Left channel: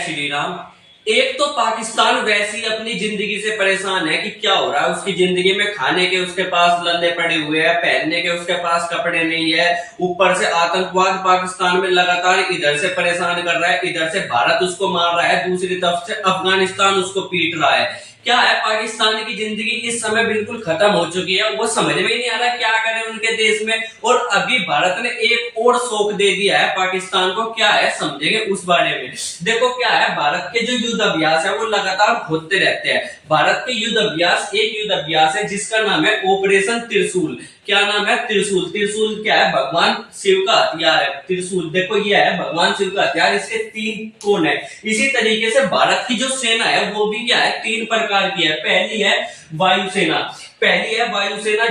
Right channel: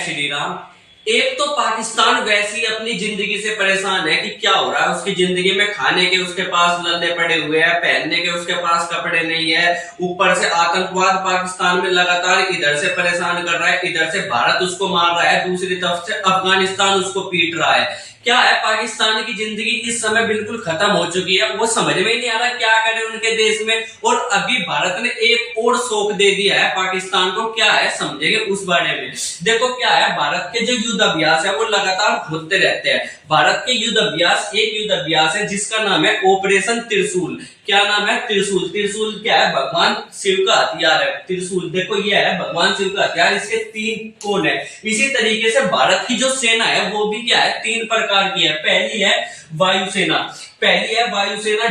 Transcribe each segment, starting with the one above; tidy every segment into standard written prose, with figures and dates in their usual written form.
श्री राम। एक तो पाकिस्तान वैसे ही अपनी जिंदगी से परेशान है कि क्या हो रहा है उसकी जिंदगी में। खाने के उसके पास लल्ले पड़े हुए हैं, पहनने के उसके पास कपड़े नहीं है, ऊपर से आतंकवाद पाकिस्तान में लगातार इधर से परेशान कर रहा है, इधर से भारत उसको मार रहा है, दूसरी तरफ से अफगानिस्तान उसको पीट रहा है। क्या है, पाकिस्तान की जिंदगी इस समय बिल्कुल खत्म हो चुकी है। वो समझ में ही नहीं आ रहा क्या करें उनके देश में। और अभी भारत ने एक और शौक दे दिया है पाकिस्तान को। क्या है, समझेंगे उस बारे में। देखो क्या है, भारत के जो युद्ध अभ्यास है वो लगातार होते रहते हैं। भारत के युद्ध अभ्यास, एक युद्ध अभ्यास है जिसका नाम है ऑपरेशन त्रिशूल। क्या नाम है? त्रिशूल। त्रिशूल क्या है? भगवान शिव का हथियार है त्रिशूल। देखो ये है भगवान शिव का हथियार, इसके 3 कोण है। इसी तरीके से भारत की जो सेना है वो भी क्या है, 3 प्रकार की है। पहली है वायुसेना,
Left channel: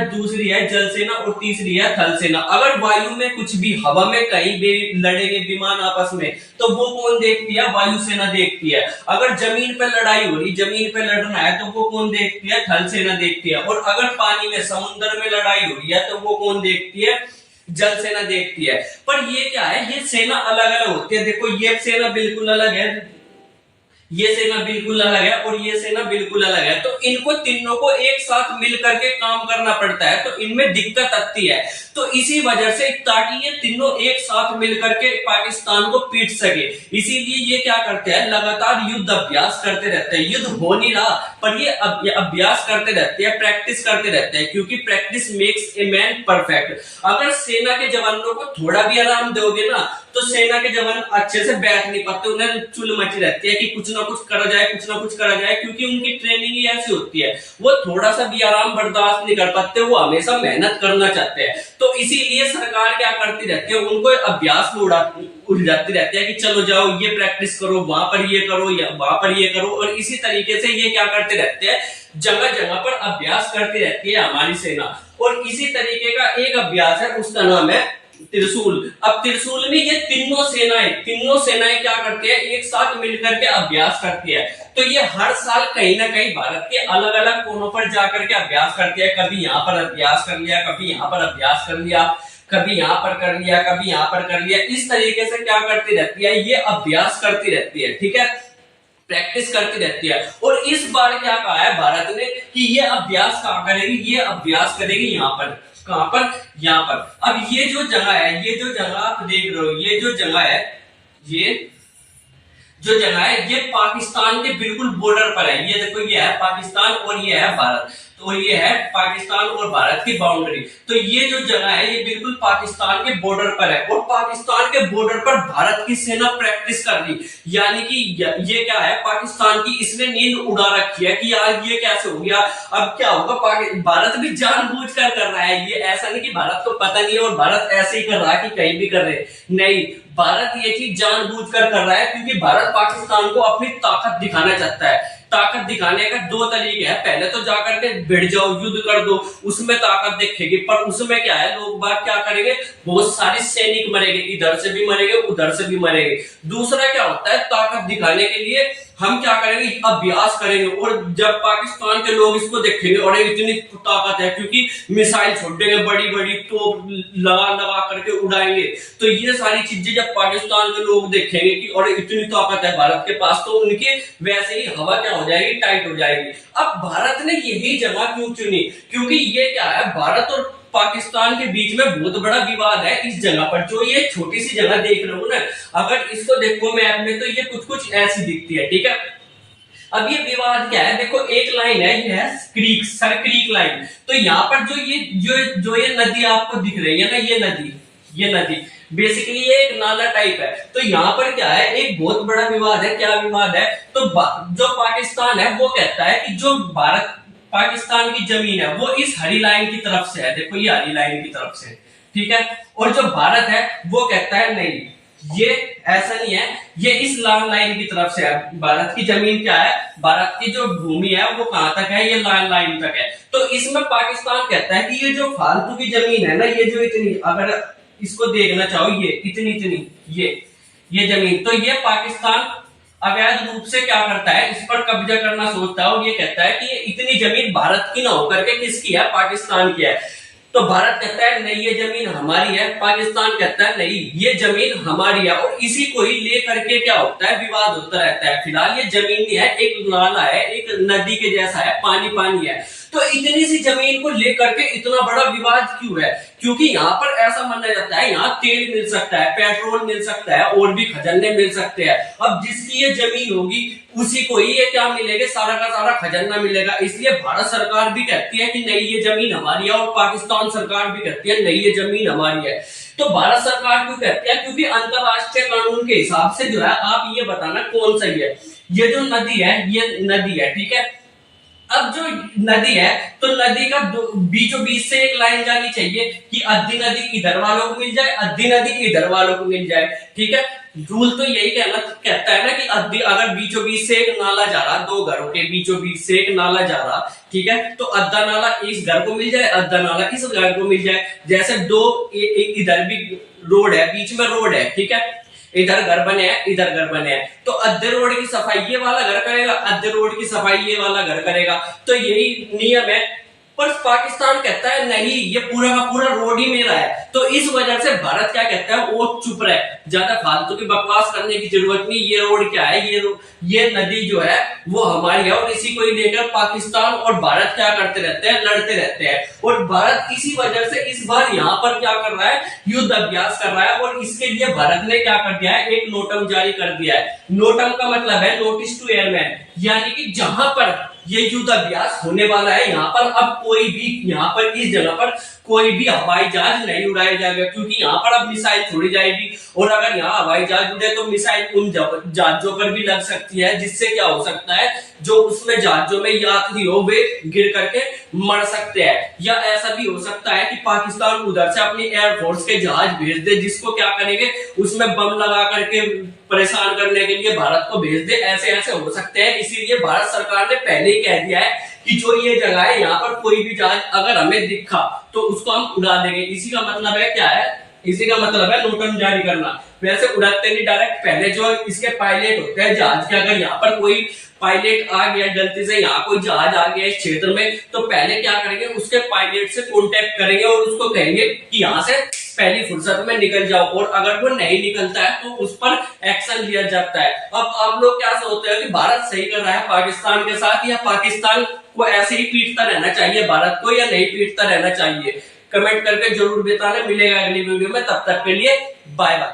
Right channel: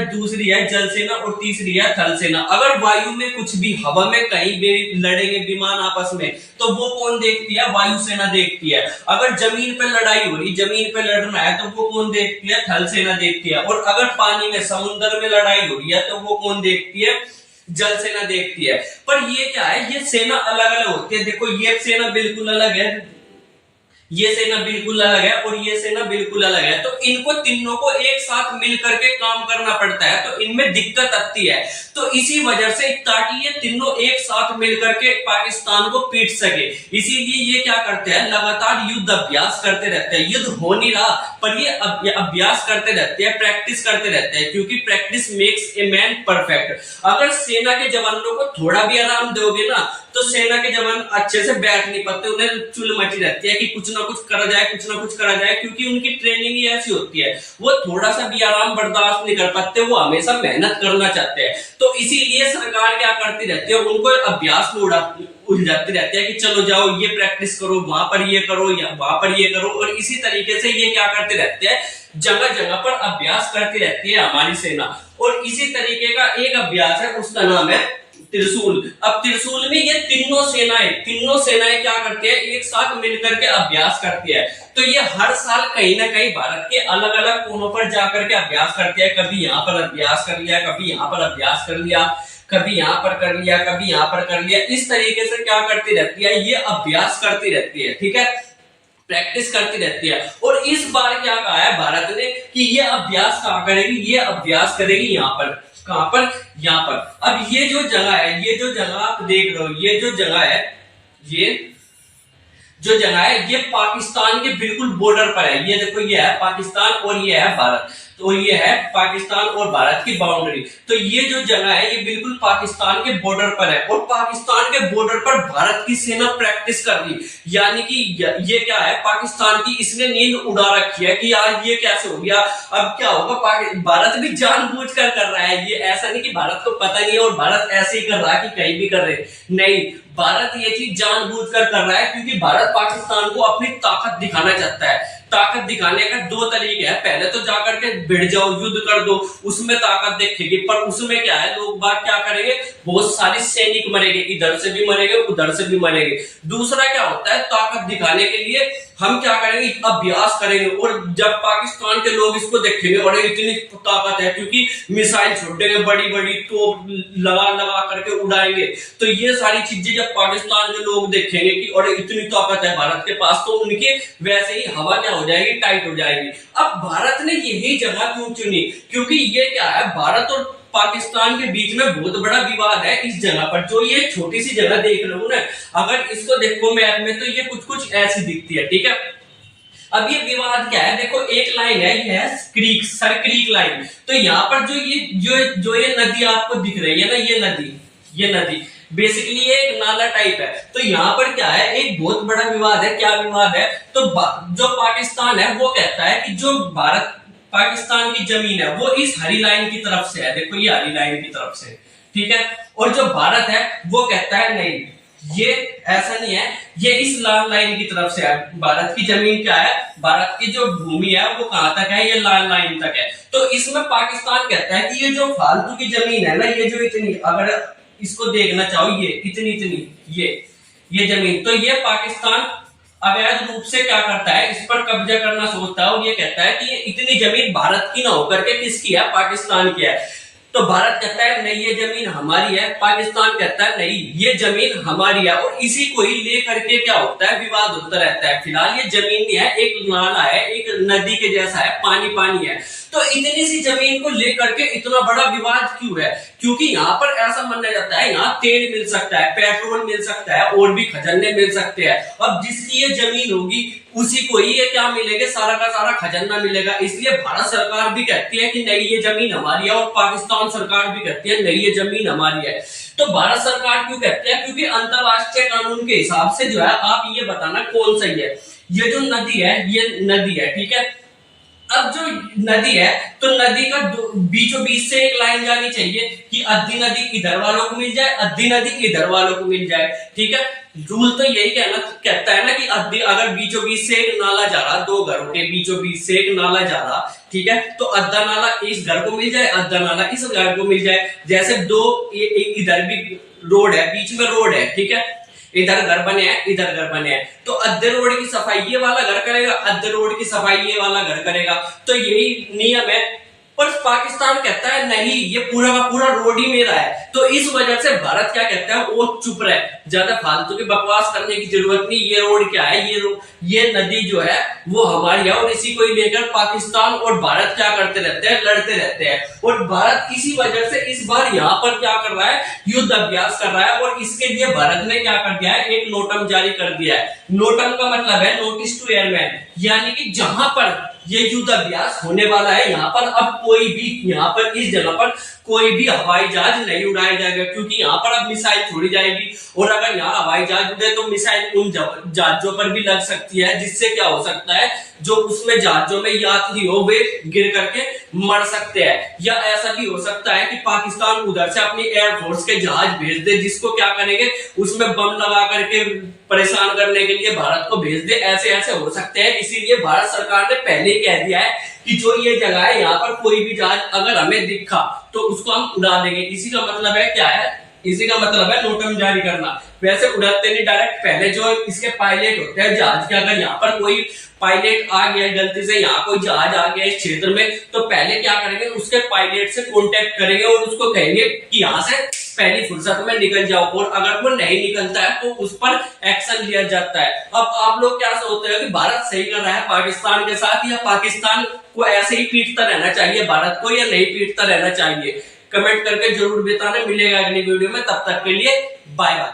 दूसरी है जल सेना और तीसरी है थल सेना। अगर वायु में कुछ भी, हवा में कहीं भी लड़ेंगे विमान आपस में, तो वो कौन देखती है? वायुसेना देखती है। अगर जमीन पे लड़ाई हो रही, जमीन पे लड़ना है, तो वो कौन देखती है? थल सेना देखती है। और अगर पानी में, समुद्र में लड़ाई हो रही है, तो वो कौन देखती है? जल सेना देखती है। पर ये क्या है, ये सेना अलग अलग होती है। देखो ये सेना बिल्कुल अलग है, ये सेना बिल्कुल अलग है और ये सेना बिल्कुल अलग है। तो इनको तीनों को एक साथ मिल करके काम करना पड़ता है, तो इनमें दिक्कत आती है। तो इसी वजह से, ताकि ये तीनों एक साथ मिल करके पाकिस्तान को पीट सके, इसीलिए ये क्या करते हैं, लगातार युद्ध अभ्यास करते रहते हैं। युद्ध हो नहीं रहा पर ये अभ्यास करते रहते हैं, प्रैक्टिस करते रहते हैं, क्योंकि practice makes a man perfect. अगर सेना के जवानों को थोड़ा भी आराम दोगे ना, तो सेना के जवान अच्छे से बैठ नहीं पाते, उन्हें चुल मची रहती है कि कुछ ना कुछ करा जाए, कुछ ना कुछ करा जाए, क्योंकि उनकी ट्रेनिंग ही ऐसी होती है। वो थोड़ा सा भी आराम बर्दाश्त नहीं कर पाते, वो हमेशा मेहनत करना चाहते हैं। तो इसीलिए सरकार क्या करती रहती है, उनको अभ्यास में उलझाती रहती है कि चलो जाओ ये प्रैक्टिस करो, वहां पर ये करो, या वहां पर ये करो। और इसी तरीके से ये क्या करते रहते हैं, जगह जगह पर अभ्यास करती रहती है हमारी सेना। और इसी तरीके का एक अभ्यास है, उसका नाम है त्रिशूल। अब त्रिशूल में ये तीनों सेनाएं क्या करती है, एक साथ मिलकर के अभ्यास करती है। तो ये हर साल कहीं ना कहीं भारत के अलग अलग कोनों पर जाकर के अभ्यास करती है। कभी यहाँ पर अभ्यास कर लिया, कभी यहाँ पर अभ्यास कर लिया, कभी यहाँ पर कर लिया, कभी यहाँ पर कर लिया। इस तरीके से क्या करती रहती है, ये अभ्यास करती रहती है। ठीक है, प्रैक्टिस करती रहती है। और इस बार क्या कहा है भारत ने कि ये अभ्यास कहां करेगी, ये अभ्यास करेगी यहाँ पर। कहां पर? यहाँ पर। अब ये जो जगह है, ये जो जगह आप देख रहे हो, ये जो जगह है, ये पाकिस्तान के बिल्कुल बॉर्डर पर है। ये देखो, ये है पाकिस्तान और ये है भारत। तो ये है पाकिस्तान और भारत की बाउंड्री। तो ये जो जगह है ये बिल्कुल पाकिस्तान के बॉर्डर पर है। और पाकिस्तान के बॉर्डर पर भारत की सेना प्रैक्टिस कर रही, यानी कि ये क्या है, पाकिस्तान की इसने नींद उड़ा रखी है कि यार ये कैसे हो गया, अब क्या होगा। भारत भी जानबूझकर कर रहा है। ये ऐसा नहीं कि भारत को पता नहीं है और भारत ऐसे ही कर रहा है कि कहीं भी कर रहे, नहीं। भारत ये चीज जानबूझकर कर रहा है, क्योंकि भारत पाकिस्तान को अपनी ताकत दिखाना चाहता है। ताकत दिखाने का 2 तरीके हैं। पहले तो जाकर के भिड़ जाओ, युद्ध कर दो, उसमें ताकत दिखेगी। पर उसमें क्या है, लोग बात क्या करेंगे, बहुत सारे सैनिक मरेंगे, इधर से भी मरेंगे, उधर से भी मरेंगे। दूसरा क्या होता है, ताकत दिखाने के लिए हम क्या करेंगे, अभ्यास करेंगे। और जब पाकिस्तान के लोग इसको देखेंगे और इतनी ताकत है, क्योंकि मिसाइल छोड़ेंगे, बड़ी बड़ी तोप लगा लगा करके उड़ाएंगे, तो ये सारी चीजें जब पाकिस्तान के लोग देखेंगे कि और इतनी ताकत है भारत के पास, तो उनके वैसे ही हवा क्या हो जाएगी, टाइट हो जाएगी। अब भारत ने यही जगह क्यों चुनी, क्योंकि ये क्या है, भारत और पाकिस्तान के बीच में बहुत बड़ा विवाद है इस जगह पर। जो ये छोटी सी जगह देख रहे हो ना, अगर इसको देखो मैप में, तो ये कुछ कुछ ऐसी दिखती है। ठीक है, अब ये विवाद क्या है, देखो एक लाइन है, ये है क्रीक, सर क्रीक लाइन। तो यहाँ पर जो ये नदी आपको दिख रही है ना, ये नदी बेसिकली ये एक नाला टाइप है। तो यहाँ पर क्या है, एक बहुत बड़ा विवाद है। क्या विवाद है, तो जो पाकिस्तान है वो कहता है कि जो भारत पाकिस्तान की जमीन है वो इस हरी लाइन की तरफ से है। देखो ये हरी लाइन की तरफ से, ठीक है। और जो भारत है वो कहता है नहीं, ये ऐसा नहीं है, ये इस लाल लाइन की तरफ से है। भारत की जमीन क्या है, भारत की जो भूमि है वो कहां तक है, ये लाल लाइन तक है। तो इसमें पाकिस्तान कहता है कि ये जो फालतू की जमीन है ना, ये जो इतनी, अगर इसको देखना चाहो, ये इतनी ये जमीन, तो ये पाकिस्तान अवैध रूप से क्या करता है, इस पर कब्जा करना सोचता है। और ये कहता है कि ये इतनी जमीन भारत की ना होकर के किसकी है, पाकिस्तान की है। तो भारत कहता है नहीं ये जमीन हमारी है, पाकिस्तान कहता है नहीं ये जमीन हमारी है, और इसी को ही लेकर के क्या होता है, विवाद होता रहता है। फिलहाल ये जमीन नहीं है, एक नाला है, एक नदी के जैसा है, पानी पानी है। तो इतनी सी जमीन को लेकर के इतना बड़ा विवाद क्यों है? क्योंकि यहाँ पर ऐसा माना जाता है यहाँ तेल मिल सकता है, पेट्रोल मिल सकता है, और भी खजाने मिल सकते हैं। अब जिसकी ये जमीन होगी उसी को ही ये क्या मिलेगा, सारा का सारा खजाना मिलेगा। इसलिए भारत सरकार भी कहती है कि नहीं ये जमीन हमारी है, और पाकिस्तान सरकार भी कहती है नहीं ये जमीन हमारी है। तो भारत सरकार क्यों कहती है? क्योंकि अंतरराष्ट्रीय कानून के हिसाब से जो है, आप ये बताना कौन सही है। ये जो नदी है ये नदी है, ठीक है। अब जो नदी है तो नदी का बीचों बीच से एक लाइन जानी चाहिए कि आधी नदी इधर वालों को मिल जाए, आधी नदी इधर वालों को मिल जाए, ठीक है। रूल तो यही कहता है ना कि आधी, अगर बीचों बीच से एक नाला जा रहा, दो घरों के बीचों बीच से एक नाला जा रहा, ठीक है, तो आधा नाला इस घर को मिल जाए, आधा नाला इस घर को मिल जाए। जैसे दो इधर भी रोड है, बीच में रोड है, ठीक है, इधर घर बने हैं, इधर घर बने हैं, तो अद्धे रोड की सफाई ये वाला घर करेगा, अद्धे रोड की सफाई ये वाला घर करेगा। तो यही नियम है। पर पाकिस्तान कहता है नहीं ये पूरा का पूरा रोड ही मेरा है। तो इस वजह से भारत क्या कहता है, वो चुप रहे, ज्यादा फालतू की बकवास करने की जरूरत नहीं। ये रोड क्या है, ये नदी जो है वो हमारी है, और इसी को ही लेकर पाकिस्तान और भारत क्या करते रहते हैं, लड़ते रहते हैं। और भारत इसी वजह से इस बार यहाँ पर क्या कर रहा है, युद्ध अभ्यास कर रहा है। और इसके लिए भारत ने क्या कर दिया है, एक नोटम जारी कर दिया है। नोटम का मतलब है नोटिस टू एयरमैन, यानी कि जहां पर ये युद्ध अभ्यास होने वाला है यहाँ पर अब कोई भी, यहाँ पर इस जगह पर कोई भी हवाई जहाज नहीं उड़ाया जाएगा, क्योंकि यहाँ पर अब मिसाइल छोड़ी जाएगी। और अगर यहाँ हवाई जहाज उड़े तो मिसाइल उन जहाजों पर भी लग सकती है, जिससे क्या हो सकता है, जो उसमें जहाजों में यात्री हो वे गिर करके मर सकते हैं। या ऐसा भी हो सकता है कि पाकिस्तान उधर से अपनी एयरफोर्स के जहाज भेज दे, जिसको क्या करेंगे, उसमें बम लगा करके परेशान करने के लिए भारत को भेज दे। ऐसे ऐसे हो सकते हैं। इसीलिए भारत सरकार ने पहले ही कह दिया है कि जो ये जगह है यहाँ पर कोई भी जहाज अगर हमें दिखा तो उसको हम उड़ा देंगे। इसी का मतलब है क्या है, इसी का मतलब है नोटम जारी करना। वैसे उड़ाते नहीं डायरेक्ट, पहले जो इसके पायलट होते हैं जहाज के, अगर यहाँ पर कोई पायलट आ गया गलती से, यहाँ कोई जहाज आ गया इस क्षेत्र में, तो पहले क्या करेंगे, उसके पायलट से कांटेक्ट करेंगे और उसको कहेंगे कि यहाँ से पहली फुर्सत में निकल जाओ। और अगर वो नहीं निकलता है तो उस पर एक्शन लिया जाता है। अब आप लोग क्या सोचते हो कि भारत सही कर रहा है पाकिस्तान के साथ, या पाकिस्तान को ऐसे ही पीटता रहना चाहिए भारत को, या नहीं पीटता रहना चाहिए? कमेंट करके जरूर बताना। मिलेगा अगली वीडियो में, तब तक के लिए बाय बाय।